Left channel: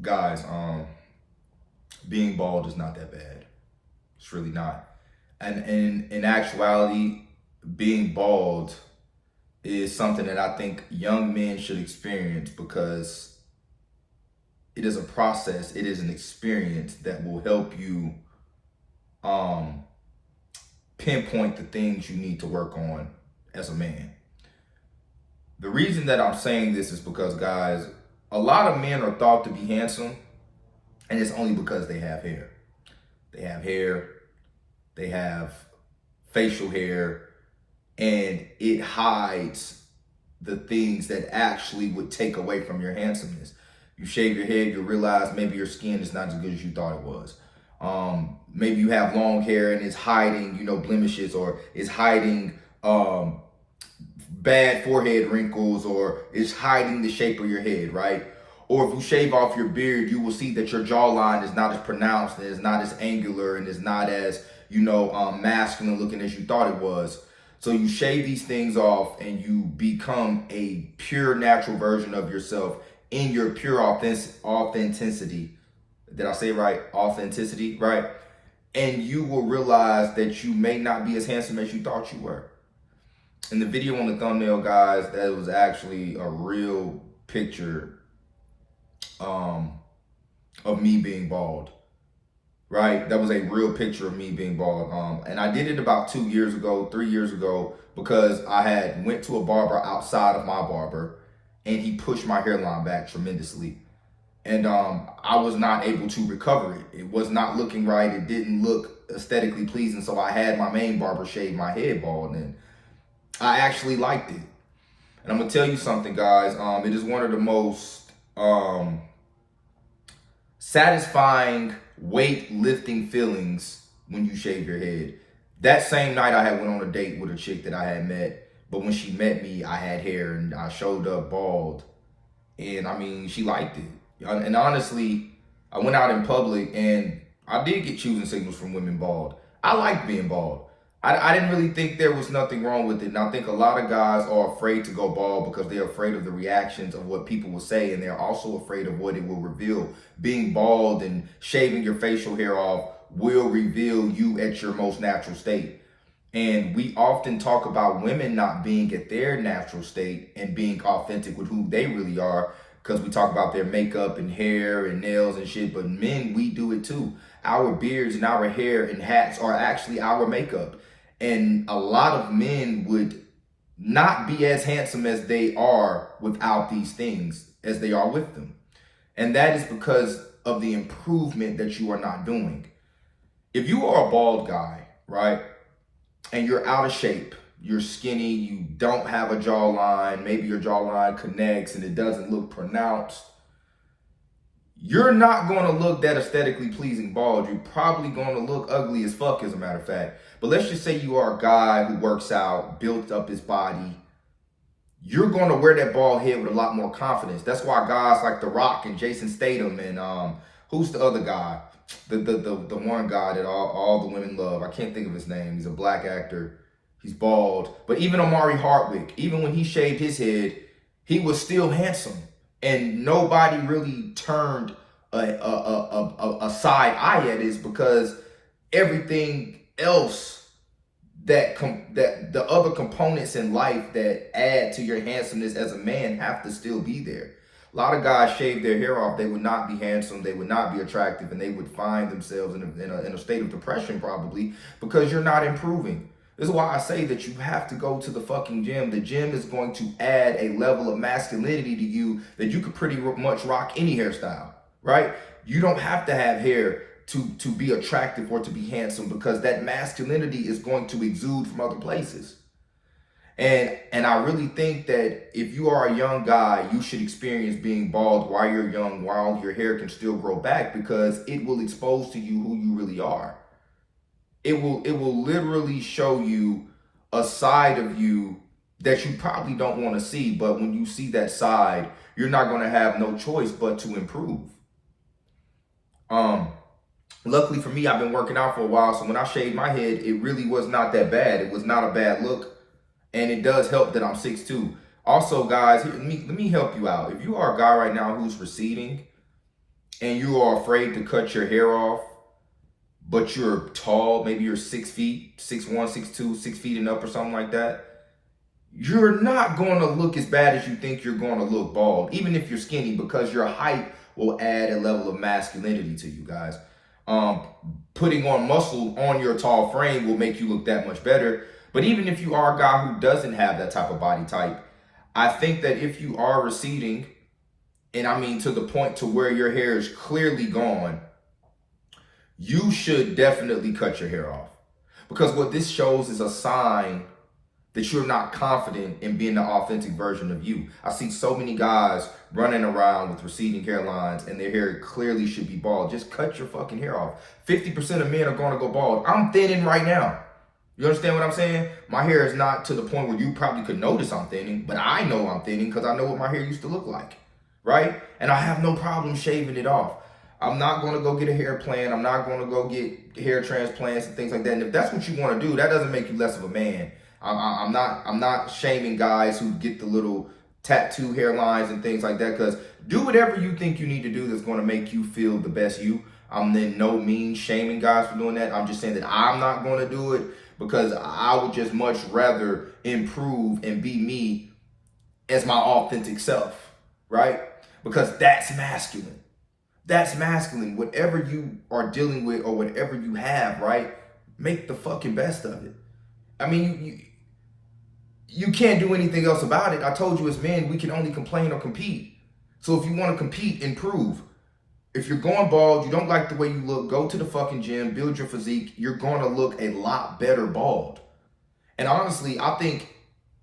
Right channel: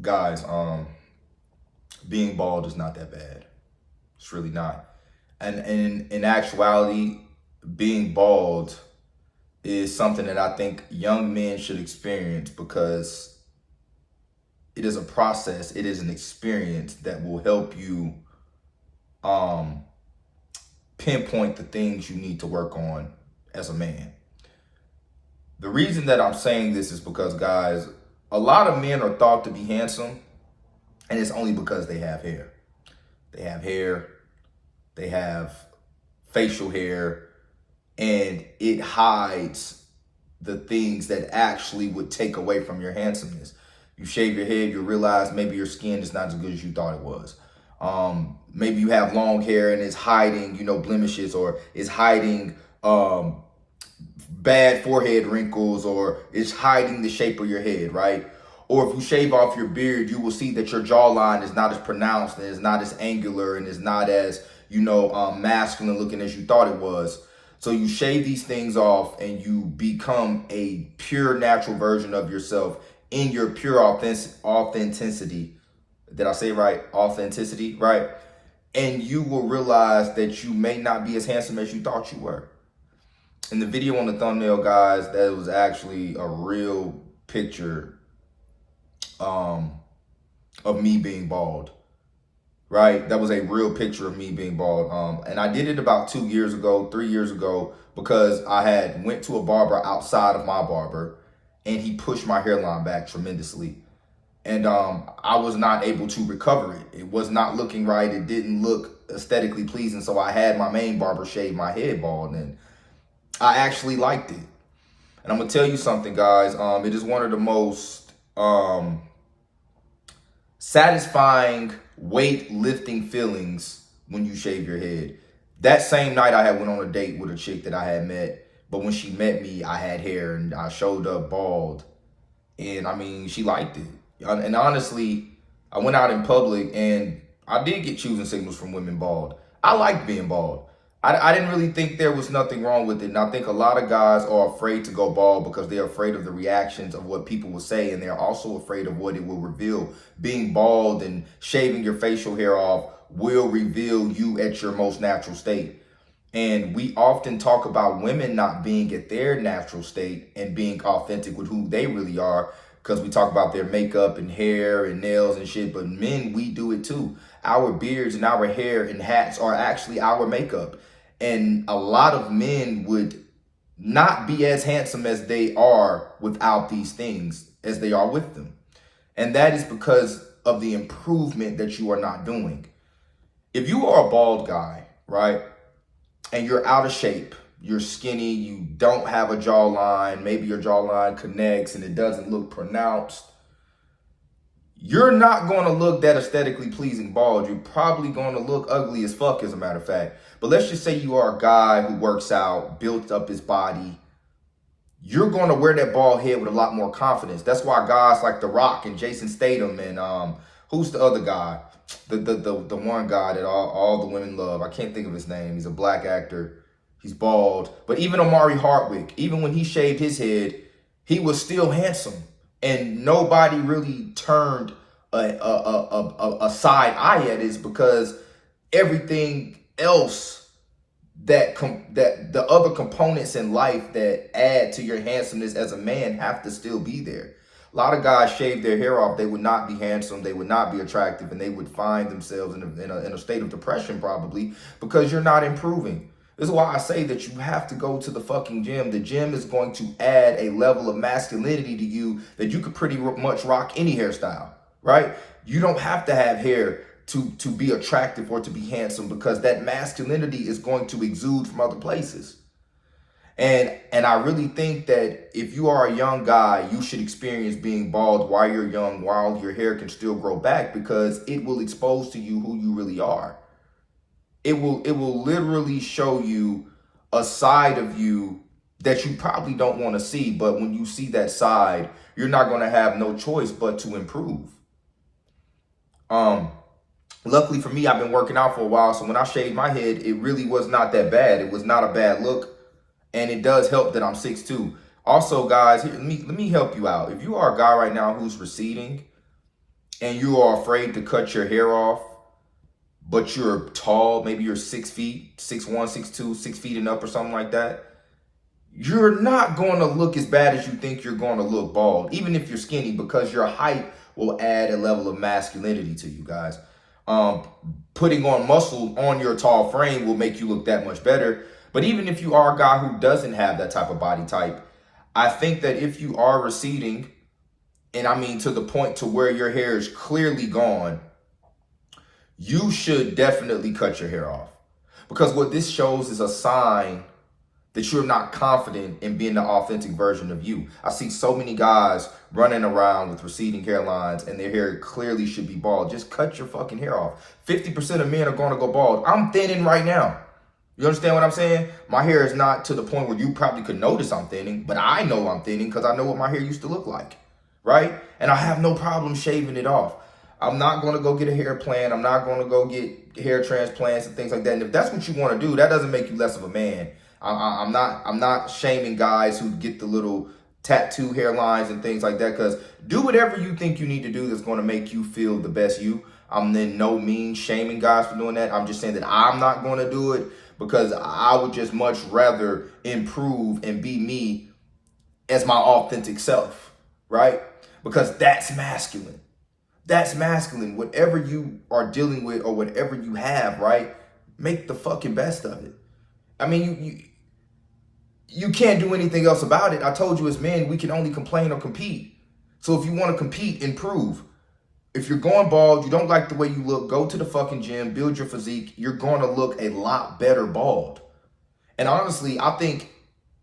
Guys, being bald is not that bad. It's really not. And in actuality, being bald is something that I think young men should experience because it is a process, it is an experience that will help you um pinpoint the things you need to work on as a man. The reason that I'm saying this is because, guys, a lot of men are thought to be handsome, and it's only because they have hair. They have hair, they have facial hair, and it hides the things that actually would take away from your handsomeness. You shave your head, you realize maybe your skin is not as good as you thought it was. Maybe you have long hair and it's hiding, blemishes, or it's hiding bad forehead wrinkles, or it's hiding the shape of your head, right? Or if you shave off your beard, you will see that your jawline is not as pronounced and is not as angular and is not as, masculine looking as you thought it was. So you shave these things off and you become a pure natural version of yourself in your pure authenticity. Did I say it right? Authenticity, right? And you will realize that you may not be as handsome as you thought you were. In the video on the thumbnail, guys, that was actually a real picture of me being bald, right? That was a real picture of me being bald. And I did it about 3 years ago, because I had went to a barber outside of my barber and he pushed my hairline back tremendously. And I was not able to recover it. It was not looking right. It didn't look aesthetically pleasing. So I had my main barber shave my head bald, and I actually liked it. And I'm gonna tell you something, guys. It is one of the most satisfying weight lifting feelings when you shave your head. That same night I had went on a date with a chick that I had met, but when she met me, I had hair and I showed up bald. And I mean, she liked it. And honestly, I went out in public and I did get choosing signals from women bald. I like being bald. I didn't really think there was nothing wrong with it. And I think a lot of guys are afraid to go bald because they're afraid of the reactions of what people will say. And they're also afraid of what it will reveal. Being bald and shaving your facial hair off will reveal you at your most natural state. And we often talk about women not being at their natural state and being authentic with who they really are, because we talk about their makeup and hair and nails and shit. But men, we do it too. Our beards and our hair and hats are actually our makeup. And a lot of men would not be as handsome as they are without these things as they are with them. And that is because of the improvement that you are not doing. If you are a bald guy, right, and you're out of shape, you're skinny, you don't have a jawline, maybe your jawline connects and it doesn't look pronounced, you're not going to look that aesthetically pleasing bald. You're probably going to look ugly as fuck, as a matter of fact. But let's just say you are a guy who works out, built up his body. You're going to wear that bald head with a lot more confidence. That's why guys like The Rock and Jason Statham and who's the other guy? The one guy that all the women love. I can't think of his name. He's a black actor. He's bald. But even Omari Hardwick, even when he shaved his head, he was still handsome. And nobody really turned a side eye at it, because everything else that the other components in life that add to your handsomeness as a man have to still be there. A lot of guys shave their hair off. They would not be handsome. They would not be attractive, and they would find themselves in a state of depression, probably because you're not improving. This is why I say that you have to go to the fucking gym. The gym is going to add a level of masculinity to you that you could pretty much rock any hairstyle, right? You don't have to have hair to be attractive or to be handsome, because that masculinity is going to exude from other places. And I really think that if you are a young guy, you should experience being bald while you're young, while your hair can still grow back, because it will expose to you who you really are. It will literally show you a side of you that you probably don't want to see. But when you see that side, you're not going to have no choice but to improve. Luckily for me, I've been working out for a while. So when I shaved my head, it really was not that bad. It was not a bad look. And it does help that I'm 6'2". Also, guys, let me help you out. If you are a guy right now who's receding, and you are afraid to cut your hair off, but you're tall, maybe you're 6 feet, 6'1", 6'2", 6 feet and up or something like that, you're not going to look as bad as you think you're going to look bald, even if you're skinny, because your height will add a level of masculinity to you guys. Putting on muscle on your tall frame will make you look that much better. But even if you are a guy who doesn't have that type of body type, I think that if you are receding, and I mean to the point to where your hair is clearly gone, you should definitely cut your hair off. Because what this shows is a sign that you're not confident in being the authentic version of you. I see so many guys running around with receding hairlines and their hair clearly should be bald. Just cut your fucking hair off. 50% of men are going to go bald. I'm thinning right now. You understand what I'm saying? My hair is not to the point where you probably could notice I'm thinning, but I know I'm thinning because I know what my hair used to look like, right? And I have no problem shaving it off. I'm not going to go get a hair plan. I'm not going to go get hair transplants and things like that. And if that's what you want to do, that doesn't make you less of a man. I'm not shaming guys who get the little tattoo hairlines and things like that, because do whatever you think you need to do that's going to make you feel the best you. I'm then no means shaming guys for doing that. I'm just saying that I'm not going to do it because I would just much rather improve and be me as my authentic self, right? Because that's masculine. That's masculine. Whatever you are dealing with or whatever you have, right? Make the fucking best of it. I mean, you can't do anything else about it. I told you as men, we can only complain or compete. So if you want to compete, improve. If you're going bald, you don't like the way you look, go to the fucking gym, build your physique. You're going to look a lot better bald. And honestly, I think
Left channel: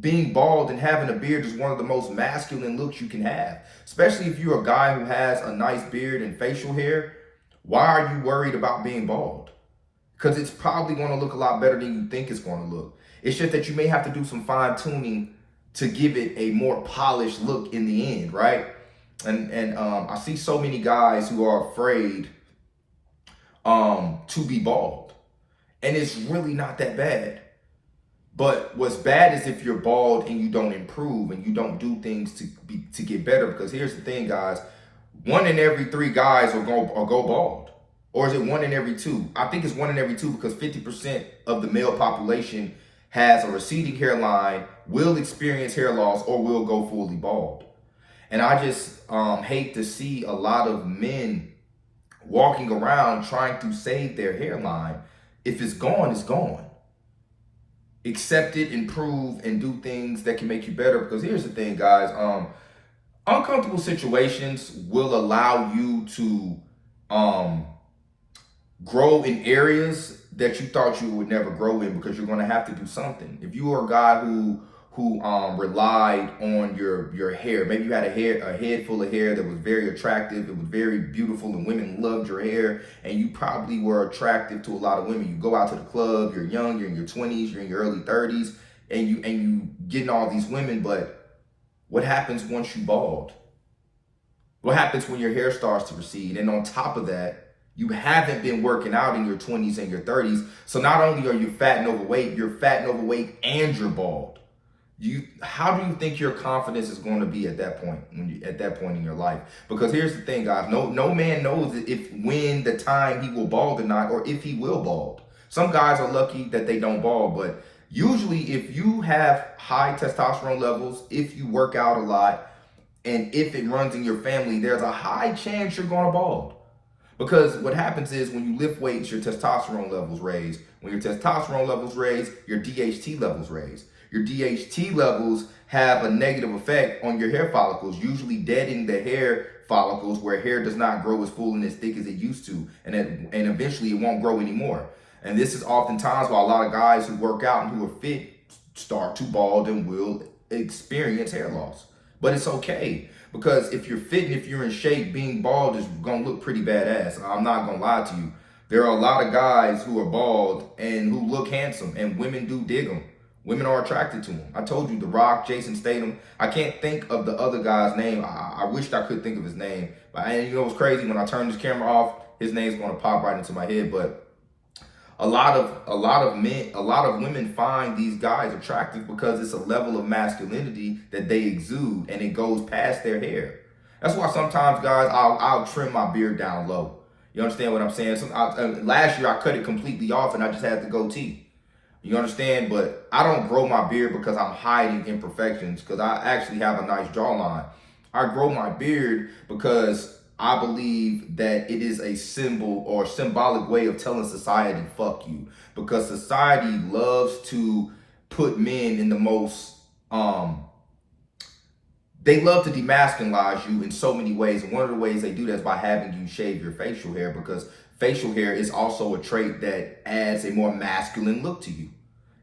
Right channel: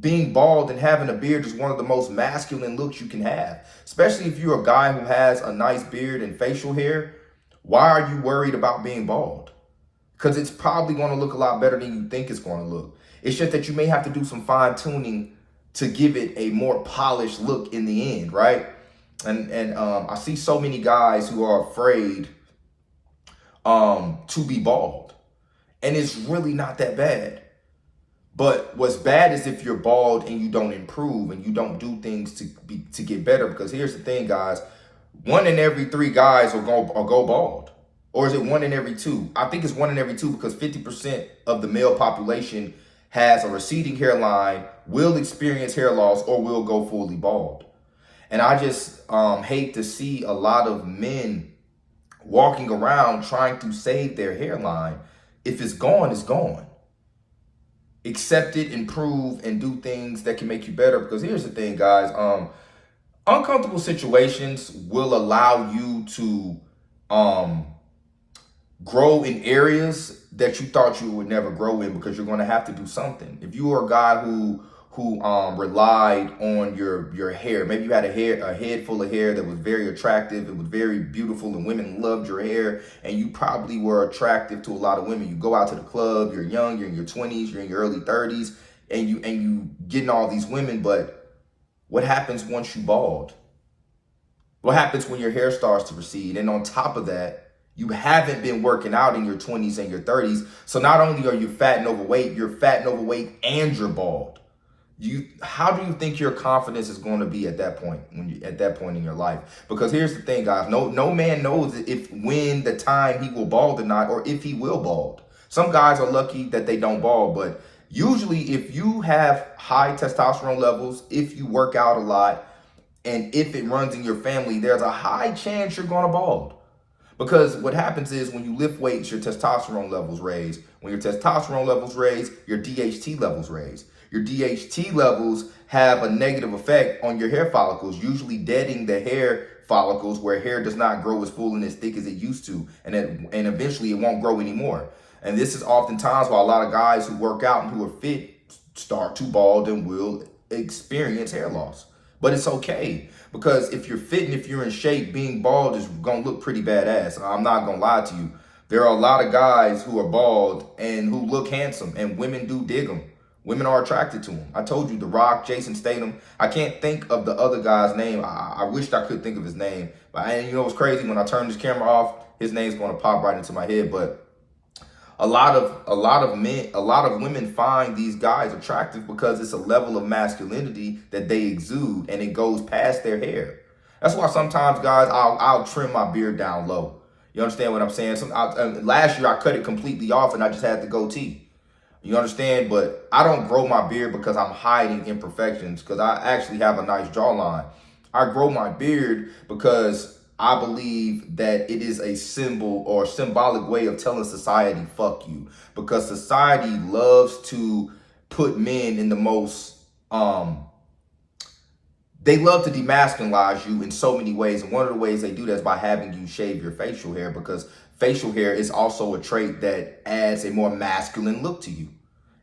being bald and having a beard is one of the most masculine looks you can have. Especially if you're a guy who has a nice beard and facial hair. Why are you worried about being bald? Because it's probably going to look a lot better than you think it's going to look. It's just that you may have to do some fine tuning to give it a more polished look in the end, right? And I see so many guys who are afraid to be bald. And it's really not that bad. But what's bad is if you're bald and you don't improve and you don't do things to get better. Because here's the thing, guys. 1 in every 3 guys will go bald. Or is it 1 in every 2? I think it's 1 in every 2 because 50% of the male population has a receding hairline, will experience hair loss, or will go fully bald. And I just hate to see a lot of men walking around trying to save their hairline. If it's gone, it's gone. Accept it, improve, and do things that can make you better. Because here's the thing, guys. Uncomfortable situations will allow you to grow in areas that you thought you would never grow in, because you're going to have to do something. If you are a guy who relied on your hair, maybe you had a head full of hair that was very attractive, it was very beautiful, and women loved your hair, and you probably were attractive to a lot of women. You go out to the club, you're young, you're in your 20s, you're in your early 30s, and you getting all these women. But what happens once you bald? What happens when your hair starts to recede? And on top of that, you haven't been working out in your 20s and your 30s. So not only are you fat and overweight, and you're bald. How do you think your confidence is going to be at that point in your life? Because here's the thing, guys. No man knows when the time he will bald or not, or if he will bald. Some guys are lucky that they don't bald, but usually if you have high testosterone levels, if you work out a lot, and if it runs in your family, there's a high chance you're going to bald. Because what happens is when you lift weights, your testosterone levels raise. When your testosterone levels raise, your DHT levels raise. Your DHT levels have a negative effect on your hair follicles, usually deadening the hair follicles where hair does not grow as full and as thick as it used to. And eventually it won't grow anymore. And this is oftentimes why a lot of guys who work out and who are fit start to bald and will experience hair loss. But it's okay. Because if you're fit and if you're in shape, being bald is going to look pretty badass. I'm not going to lie to you. There are a lot of guys who are bald and who look handsome, and women do dig them. Women are attracted to them. I told you, The Rock, Jason Statham. I can't think of the other guy's name. I wished I could think of his name. But you know what's crazy? When I turn this camera off, his name's going to pop right into my head. But a lot of women find these guys attractive because it's a level of masculinity that they exude, and it goes past their hair. That's why sometimes, guys, I'll trim my beard down low. You understand what I'm saying? So last year I cut it completely off and I just had the goatee. You understand? But I don't grow my beard because I'm hiding imperfections, because I actually have a nice jawline. I grow my beard because I believe that it is a symbol or symbolic way of telling society, fuck you. Because society loves to put men in the most, they love to demasculinize you in so many ways. And one of the ways they do that is by having you shave your facial hair, because facial hair is also a trait that adds a more masculine look to you.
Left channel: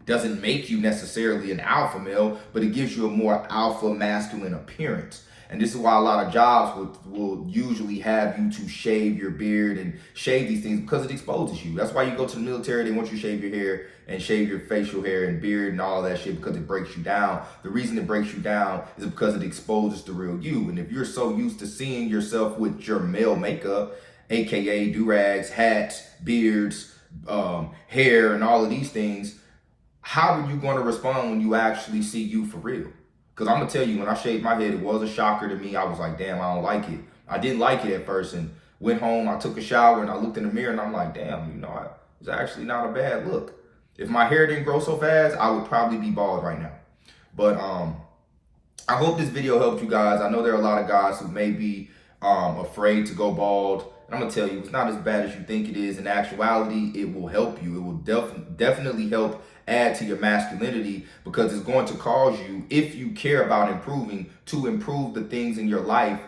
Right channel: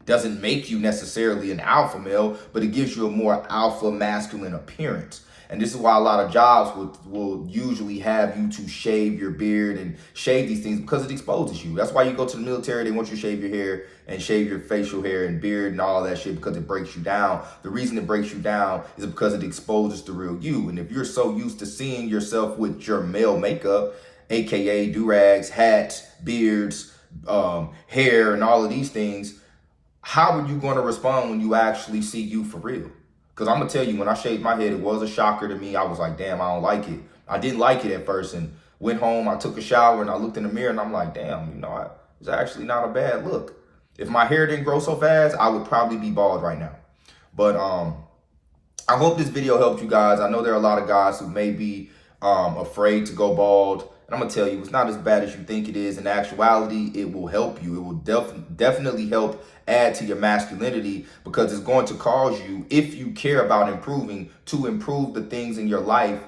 It doesn't make you necessarily an alpha male, but it gives you a more alpha masculine appearance. And this is why a lot of jobs will usually have you to shave your beard and shave these things, because it exposes you. That's why you go to the military, they want you to shave your hair and shave your facial hair and beard and all that shit, because it breaks you down. The reason it breaks you down is because it exposes the real you. And if you're so used to seeing yourself with your male makeup, AKA do-rags, hats, beards, hair, and all of these things, how are you going to respond when you actually see you for real? Because I'm going to tell you, when I shaved my head, it was a shocker to me. I was like, damn, I don't like it. I didn't like it at first, and went home, I took a shower, and I looked in the mirror, and I'm like, damn, you know, it's actually not a bad look. If my hair didn't grow so fast, I would probably be bald right now. But I hope this video helped you guys. I know there are a lot of guys who may be afraid to go bald. And I'm going to tell you, it's not as bad as you think it is. In actuality, it will help you. It will definitely help add to your masculinity, because it's going to cause you, if you care about improving, to improve the things in your life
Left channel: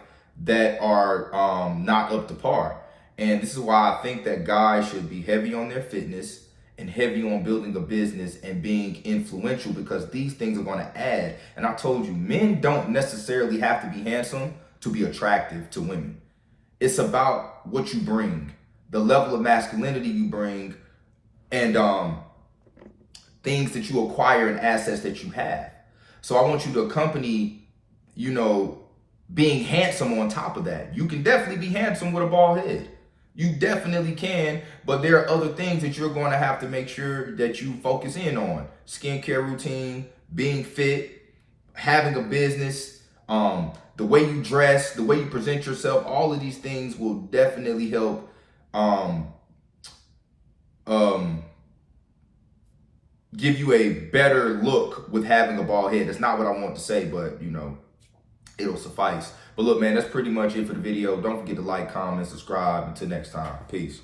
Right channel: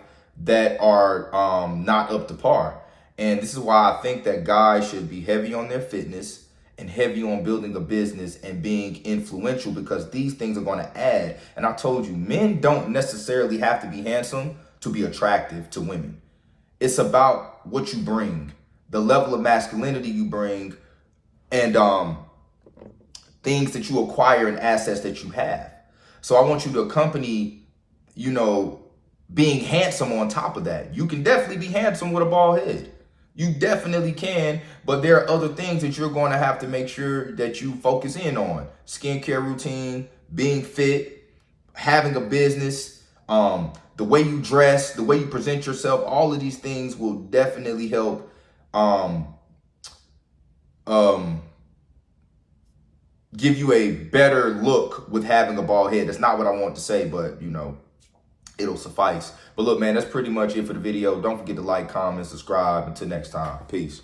that are not up to par. And this is why I think that guys should be heavy on their fitness and heavy on building a business and being influential, because these things are going to add. And I told you, men don't necessarily have to be handsome to be attractive to women. It's about what you bring, the level of masculinity you bring, and things that you acquire and assets that you have. So I want you to accompany, you know, being handsome on top of that. You can definitely be handsome with a bald head. You definitely can, but there are other things that you're going to have to make sure that you focus in on. Skincare routine, being fit, having a business, the way you dress, the way you present yourself, all of these things will definitely help give you a better look with having a bald head. That's not what I want to say, but, you know, it'll suffice. But look, man, that's pretty much it for the video. Don't forget to like, comment, subscribe. Until next time. Peace.